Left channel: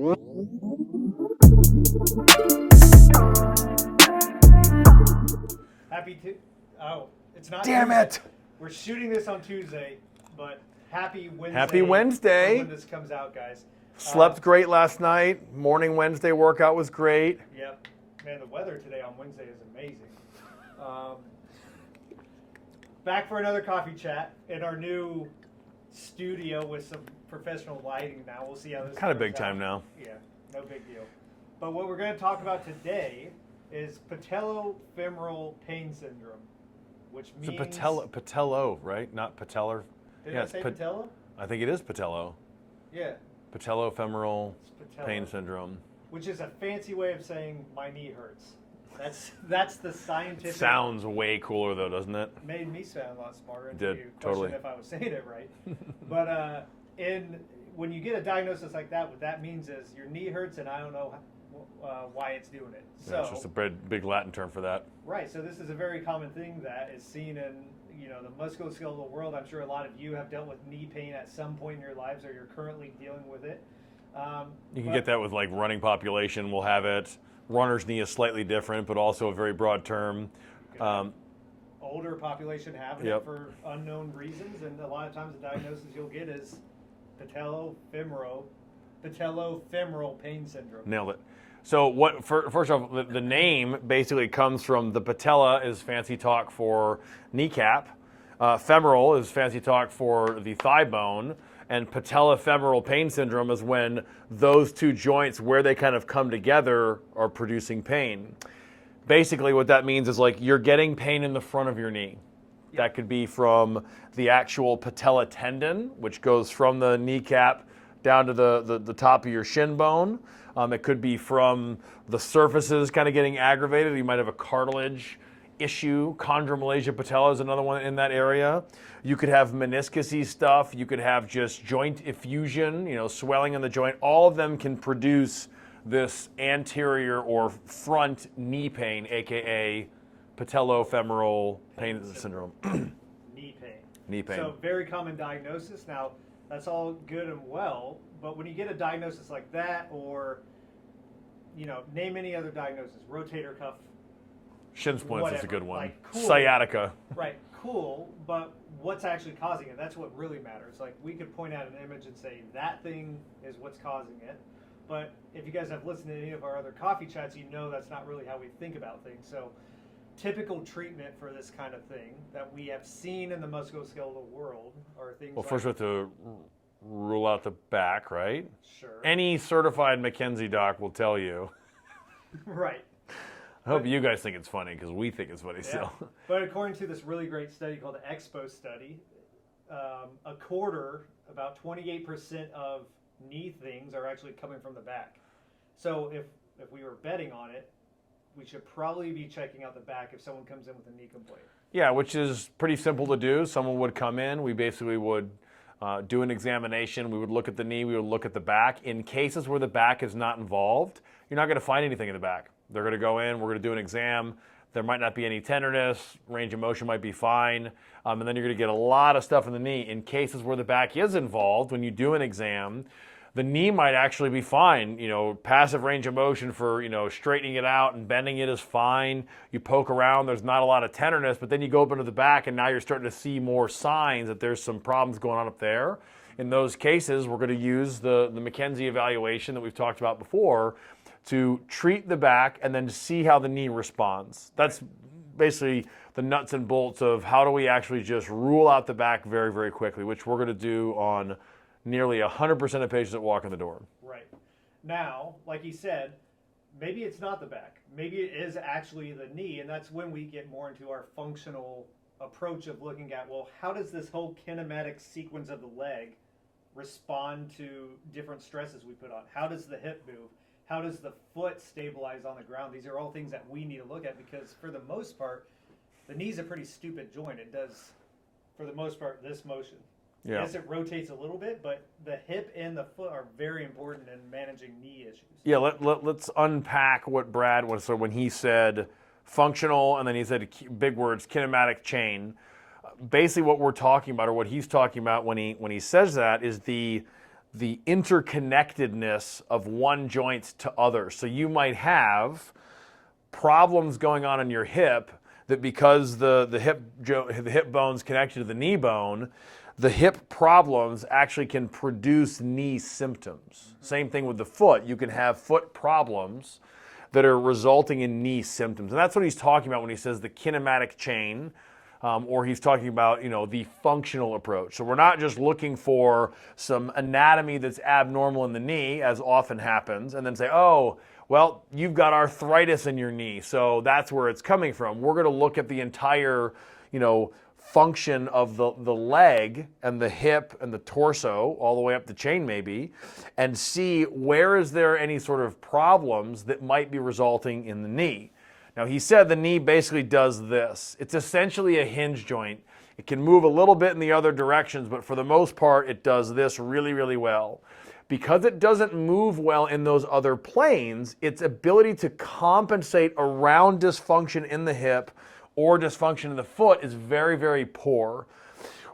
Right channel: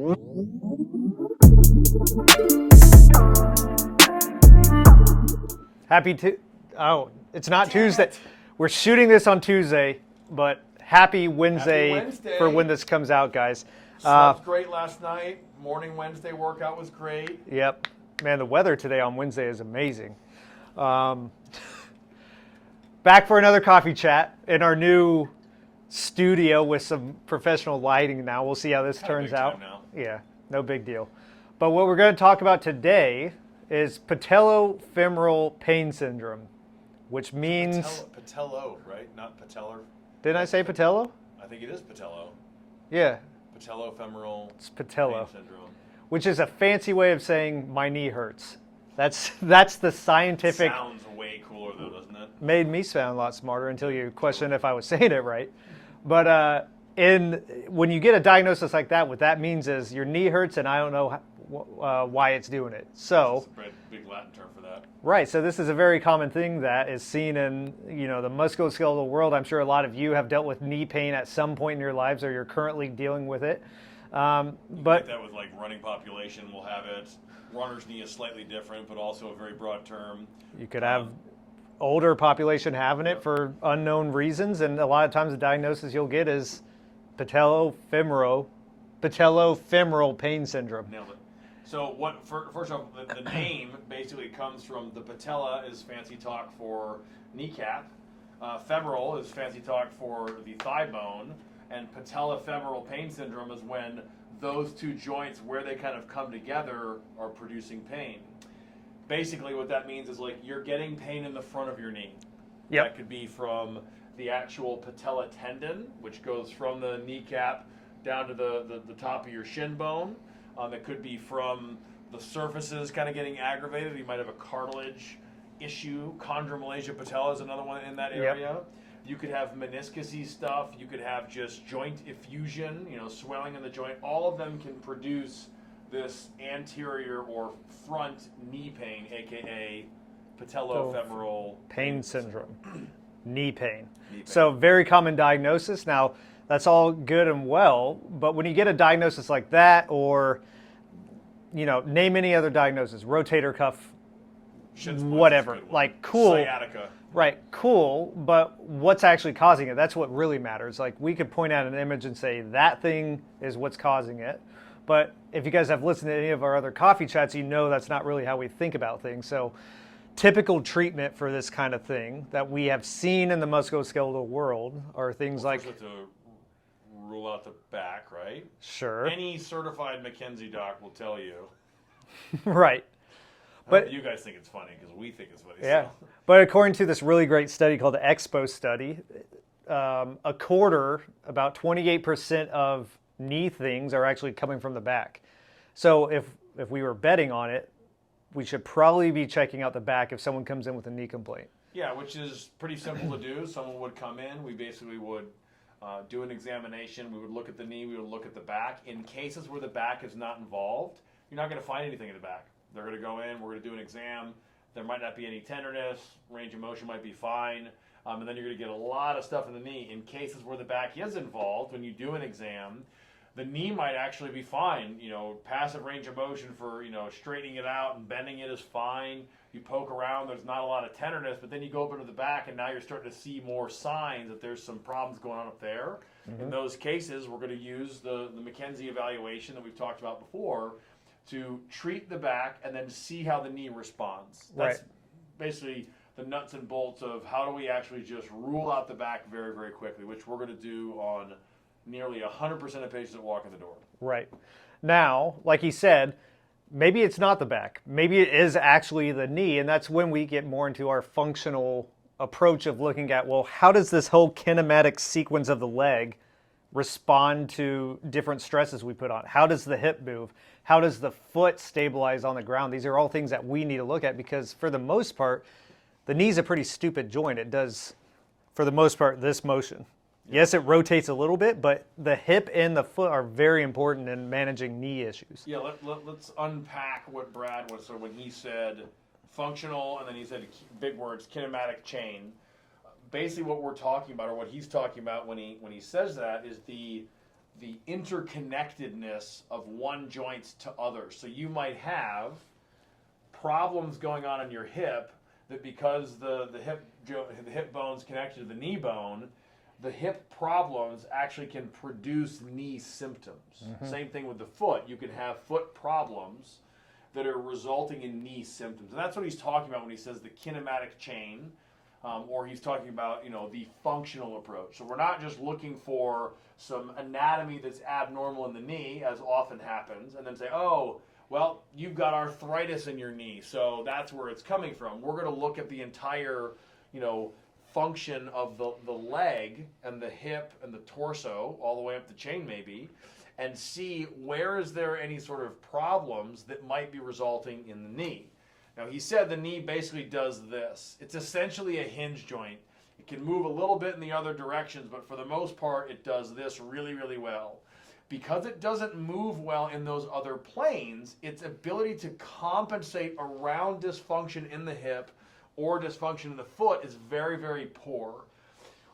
Oh, it's not Damn Tuesday. it. We're shooting this on Tuesday, but happy Wednesday, Happy Wednesday. for when this comes out, guys. Slept great last night. Morning Wednesday workout was great. Yep. Man, the weather today on Wednesday is amazing. Back for another coffee chat in our new studio with some professional lighting now. We'll see how this Kind of turns big out. time now. Yeah, no big deal. But what we're going to talk about today is Patellofemoral Pain Syndrome, which means... Patello, right? Not patellar. Did I say patello? I think it is patello. Yeah. Patellofemoral It's patello. Pain Syndrome. Which is a fancy way of saying my knee hurts. That's the scientific... Sounds way cooler though, doesn't it? Made me sound a lot smarter until you questioned totally. if I was saying it right. But when you get a diagnosis like that, what that means is your knee hurts and I don't know why it's doing it. So It's a big Latin term for that. right, so this is a very common thing that is seen in the musculoskeletal world. I'm sure a lot of you have dealt with knee pain at some point in your lives, or you're currently dealing with it. You can get that with like running population will have it. Runner's knee is slightly different, but also a very broad term. You could have older population having it Yep. for unknown reasons, and a lot of times the diagnosis you'll get is patellofemoral pain syndrome. Nailed it. So first off, the name basically comes from the patella is fancy talk for kneecap. Femoral is fancy talk for the thigh bone. And patellofemoral pain syndrome is when those two joints, where they kind of come together, are producing pain. Basically what that means is like you're getting pain in the front of your knee. Yep. That could be from the actual patella tendon, which goes from the kneecap down to the top of your shin bone. It could be from the surfaces kind of getting aggravated. You might have a cartilage issue. Chondromalacia patella is another one in that area. Yep. You could have meniscus-y stuff. You could have just joint effusion, swelling in the joint. All of them can produce this anterior or front knee pain, aka patellofemoral pain syndrome. Knee pain. Knee pain. So very common diagnosis. Now, that's all good and well, but when you get a diagnosis like that, or name any other diagnosis, rotator cuff, Shin splints whatever, is a good one. like cool. Sciatica. Right, cool, but what's actually causing it? That's what really matters. Like, we could point out an image and say that thing is what's causing it, but if you guys have listened to any of our other coffee chats, you know that's not really how we think about things. So typical treatment for this kind of thing that we have seen in the musculoskeletal world are things like... First we have to rule out the back, right? Sure. Any certified McKenzie doc will tell you. Right. I hope you guys think it's funny, because we think it's funny Yeah. still. But according to this really great study called the Expo study, a quarter, about 28% of knee things are actually coming from the back. So if we were betting on it, we should probably be checking out the back if someone comes in with a knee complaint. Yeah, which is pretty simple to do. Someone would come in. We basically would do an examination. We would look at the knee. We would look at the back. In cases where the back is not involved, you're not going to find anything in the back. They're going to go in. We're going to do an exam. There might not be any tenderness. Range of motion might be fine. And then you're going to get a lot of stuff in the knee. In cases where the back is involved, when you do an exam, the knee might actually be fine. Passive range of motion for, straightening it out and bending it is fine. You poke around, there's not a lot of tenderness, but then you go up into the back and now you're starting to see more signs that there's some problems going on up there. Mm-hmm. In those cases, we're going to use the McKenzie evaluation that we've talked about before to treat the back and then to see how the knee responds. That's basically the nuts and bolts of how do we actually just rule out the back very, very quickly, which we're going to do on nearly 100% of patients that walk in the door. Right. Now, like he said, maybe it's not the back. Maybe it is actually the knee, and that's when we get more into our functional approach of looking at, well, how does this whole kinematic sequence of the leg respond to different stresses we put on? How does the hip move? How does the foot stabilize on the ground? These are all things that we need to look at because for the most part, the knee's a pretty stupid joint. It does, for the most part, this motion. Yeah. Yes, it rotates a little bit, but the hip and the foot are very important in managing knee issues. Yeah, let's unpack what Brad was. So when he said functional and then he said big words, kinematic chain, basically what we're talking about or what he's talking about when he says that is the the interconnectedness of one joint to others. So you might have problems going on in your hip that because the hip bone's connected to the knee bone, the hip problems actually can produce knee symptoms. Same thing with the foot. You can have foot problems that are resulting in knee symptoms. And that's what he's talking about when he says the kinematic chain, or he's talking about, the functional approach. So we're not just looking for some anatomy that's abnormal in the knee, as often happens, and then say, oh, well, you've got arthritis in your knee, so that's where it's coming from. We're going to look at the entire, function of the leg and the hip and the torso, all the way up the chain maybe, and see where is there any sort of problems that might be resulting in the knee. Now, he said the knee basically does this. It's essentially a hinge joint. It can move a little bit in the other directions, but for the most part, it does this really, really well. Because it doesn't move well in those other planes, its ability to compensate around dysfunction in the hip or dysfunction in the foot is very, very poor.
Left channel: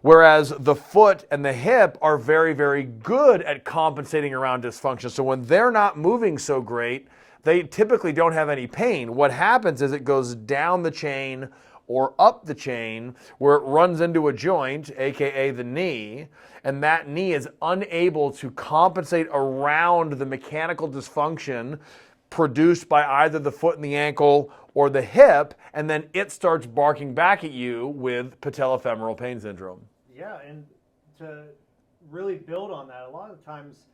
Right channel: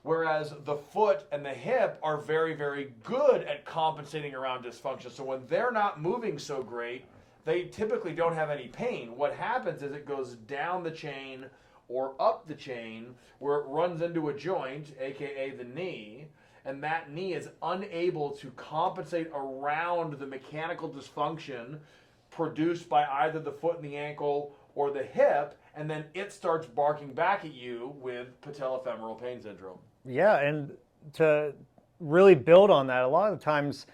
Whereas the foot and the hip are very, very good at compensating around dysfunction. So when they're not moving so great, they typically don't have any pain. What happens is it goes down the chain or up the chain where it runs into a joint, aka the knee, and that knee is unable to compensate around the mechanical dysfunction produced by either the foot and the ankle or the hip, and then it starts barking back at you with patellofemoral pain syndrome. Yeah, and to really build on that, a lot of the times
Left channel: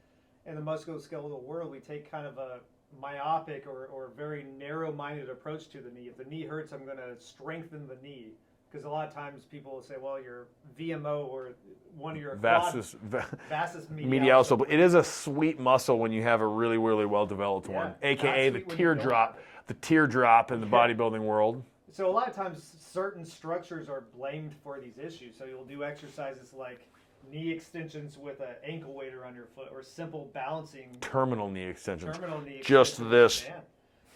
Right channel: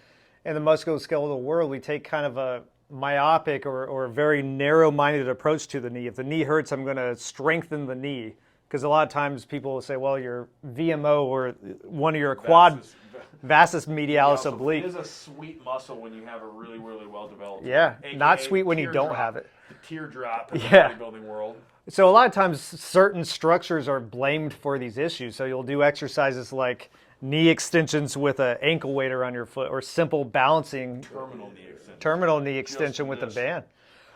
in the musculoskeletal world, we take kind of a myopic or very narrow-minded approach to the knee. If the knee hurts, I'm going to strengthen the knee. Because a lot of times people will say, well, your VMO or one of your vastus medialis oblique. It is a sweet muscle when you have a really, really well-developed one. Yeah, AKA not sweet when you don't have it. The teardrop in the bodybuilding world. So a lot of times certain structures are blamed for these issues. So you'll do exercises like knee extensions with an ankle weight around your foot or simple balancing. Terminal knee extension. Terminal knee extension with a band.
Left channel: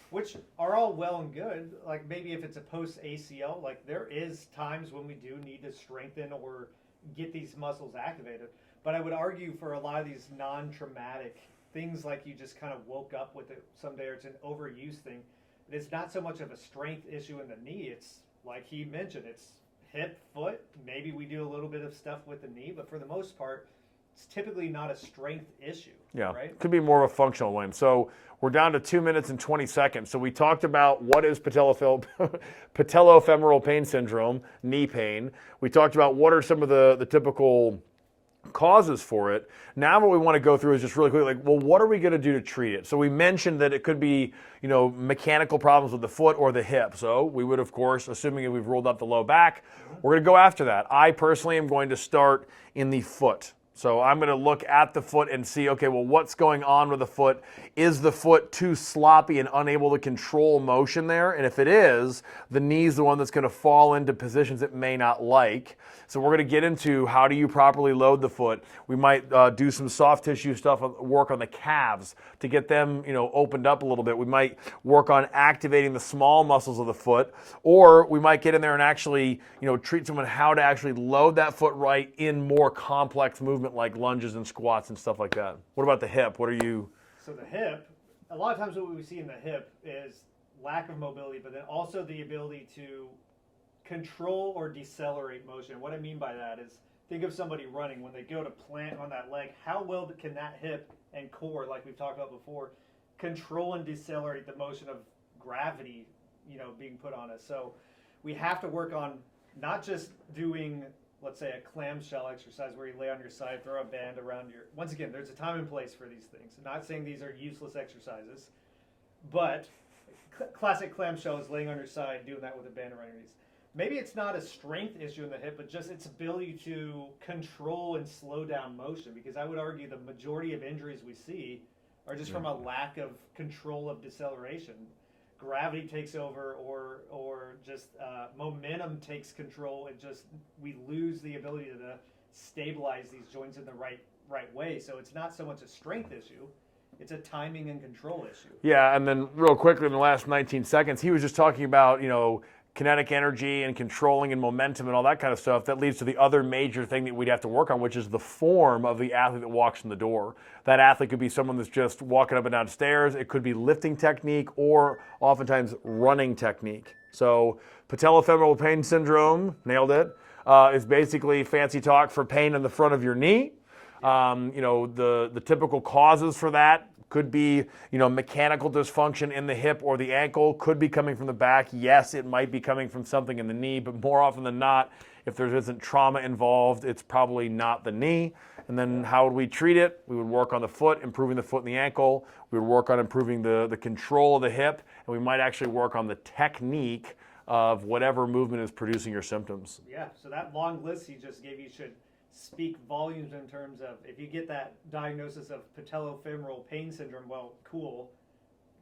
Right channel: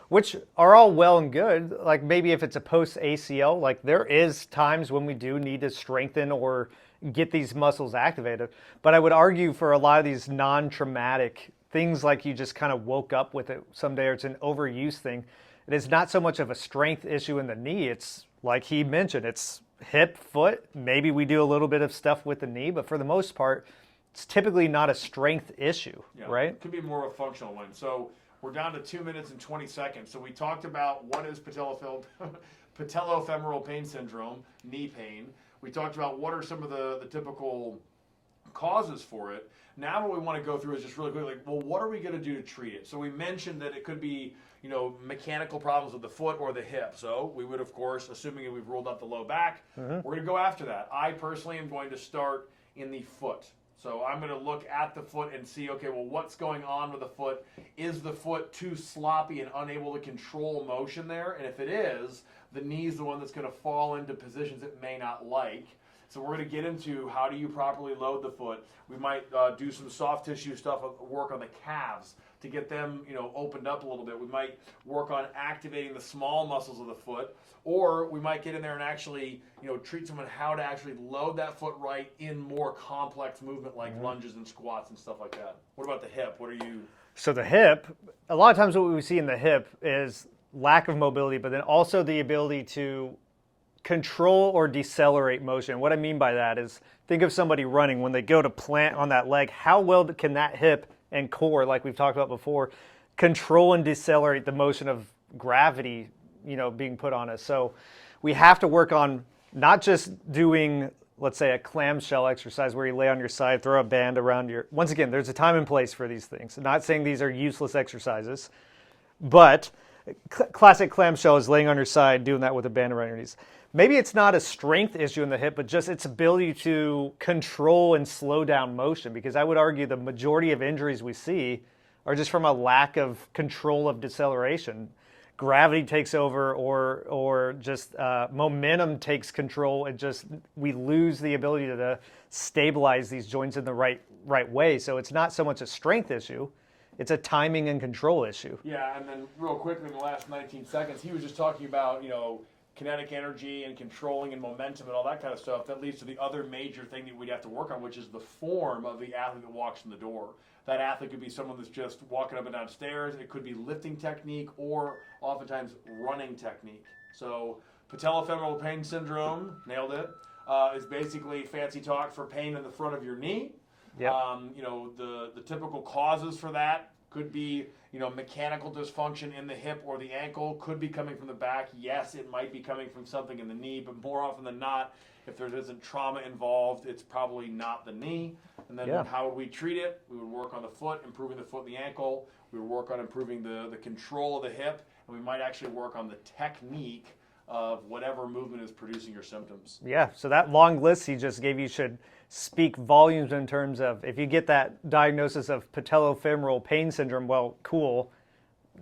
Which are all well and good. Like maybe if it's a post ACL, like there is times when we do need to strengthen or get these muscles activated. But I would argue for a lot of these non-traumatic things, like you just kind of woke up with it someday or it's an overuse thing, it is not so much of a strength issue in the knee. It's like he mentioned, it's hip, foot. Maybe we do a little bit of stuff with the knee, but for the most part, it's typically not a strength issue, right? It could be more of a functional one. So we're down to 2 minutes and 20 seconds. So we talked about what is patellofemoral pain syndrome, knee pain. We talked about what are some of the typical causes for it. Now what we want to go through is just really quickly, like, well, what are we going to do to treat it? So we mentioned that it could be, mechanical problems with the foot or the hip. So we would, of course, assuming we've ruled out the low back, we're going to go after that. I personally am going to start in the foot. So I'm going to look at the foot and see, okay, well, what's going on with the foot? Is the foot too sloppy and unable to control motion there? And if it is, the knee's the one that's going to fall into positions it may not like. So we're going to get into how do you properly load the foot. We might do some soft tissue stuff, work on the calves to get them, opened up a little bit. We might work on activating the small muscles of the foot, or we might get in there and actually, treat someone how to actually load that foot right in more complex movement like lunges and squats and stuff like that. What about the hip? So the hip, a lot of times what we see in the hip is lack of mobility, but then also the ability to control or decelerate motion. What I mean by that is think of somebody running. When they go to plant on that leg, how well can that hip and core, like we've talked about before, control and decelerate the motion of gravity, being put on us? So we have to work on not just doing, let's say, a clamshell exercise where you lay on your side, throw a band around your... Once again, there's a time and place for these things. I'm not saying these are useless exercises, but classic clamshell is laying on your side, doing that with a band around your knees. Maybe it's not a strength issue in the hip, but just its ability to control and slow down motion, because I would argue the majority of injuries we see are just from a lack of control of deceleration. Gravity takes over or just momentum takes control, and just we lose the ability to stabilize these joints in the right way. So it's not so much a strength issue, it's a timing and control issue. Yeah, and then real quickly in the last 19 seconds, he was just talking about, kinetic energy and controlling and momentum and all that kind of stuff, that leads to the other major thing that we'd have to work on, which is the form of the athlete that walks in the door. That athlete could be someone that's just walking up and down stairs. It could be lifting technique or oftentimes running technique. So patellofemoral pain syndrome, nailed it, is basically fancy talk for pain in the front of your knee. Yep. You know, the typical causes for that could be, you know, mechanical dysfunction in the hip or the ankle, could be coming from the back. Yes, it might be coming from something in the knee, but more often than not, if there isn't trauma involved, it's probably not the knee. And then how would we treat it? We would work on the foot, improving the foot and the ankle. We would work on improving the control of the hip, and we might actually work on the technique of whatever movement is producing your symptoms. Yeah, so that long list he just gave you should speak volumes in terms of if you get that diagnosis of patellofemoral pain syndrome, well, cool.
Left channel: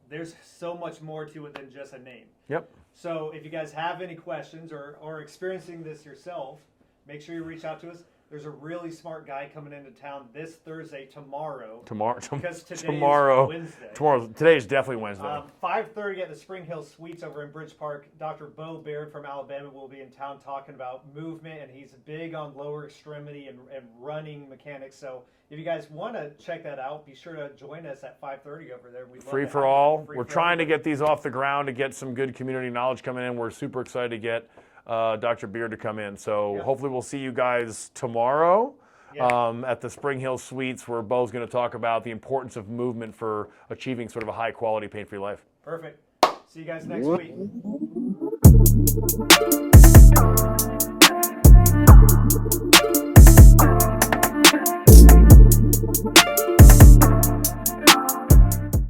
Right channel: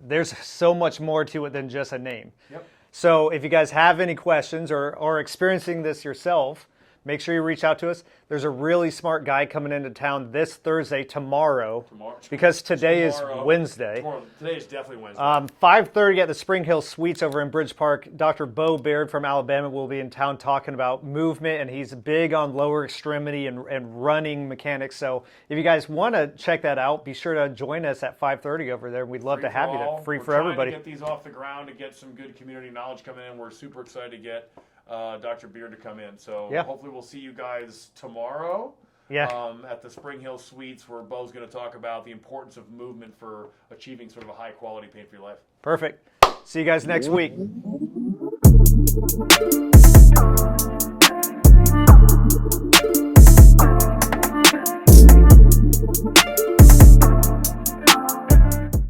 There's so much more to it than just a name. Yep. So if you guys have any questions or are experiencing this yourself, make sure you reach out to us. There's a really smart guy coming into town this Thursday, tomorrow. Because today is Wednesday. Today is definitely Wednesday. 5:30 at the Spring Hill Suites over in Bridge Park. Dr. Bo Baird from Alabama will be in town talking about movement, and he's big on lower extremity and running mechanics. So if you guys want to check that out, be sure to join us at 5:30 over there. We'd love to have you there. We're trying to get these off the ground to get some good community knowledge coming in. We're super excited to get Dr. Beard to come in. So hopefully we'll see you guys tomorrow at the Spring Hill Suites, where Bo's going to talk about the importance of movement for achieving sort of a high quality pain-free life. Perfect. See you guys next week.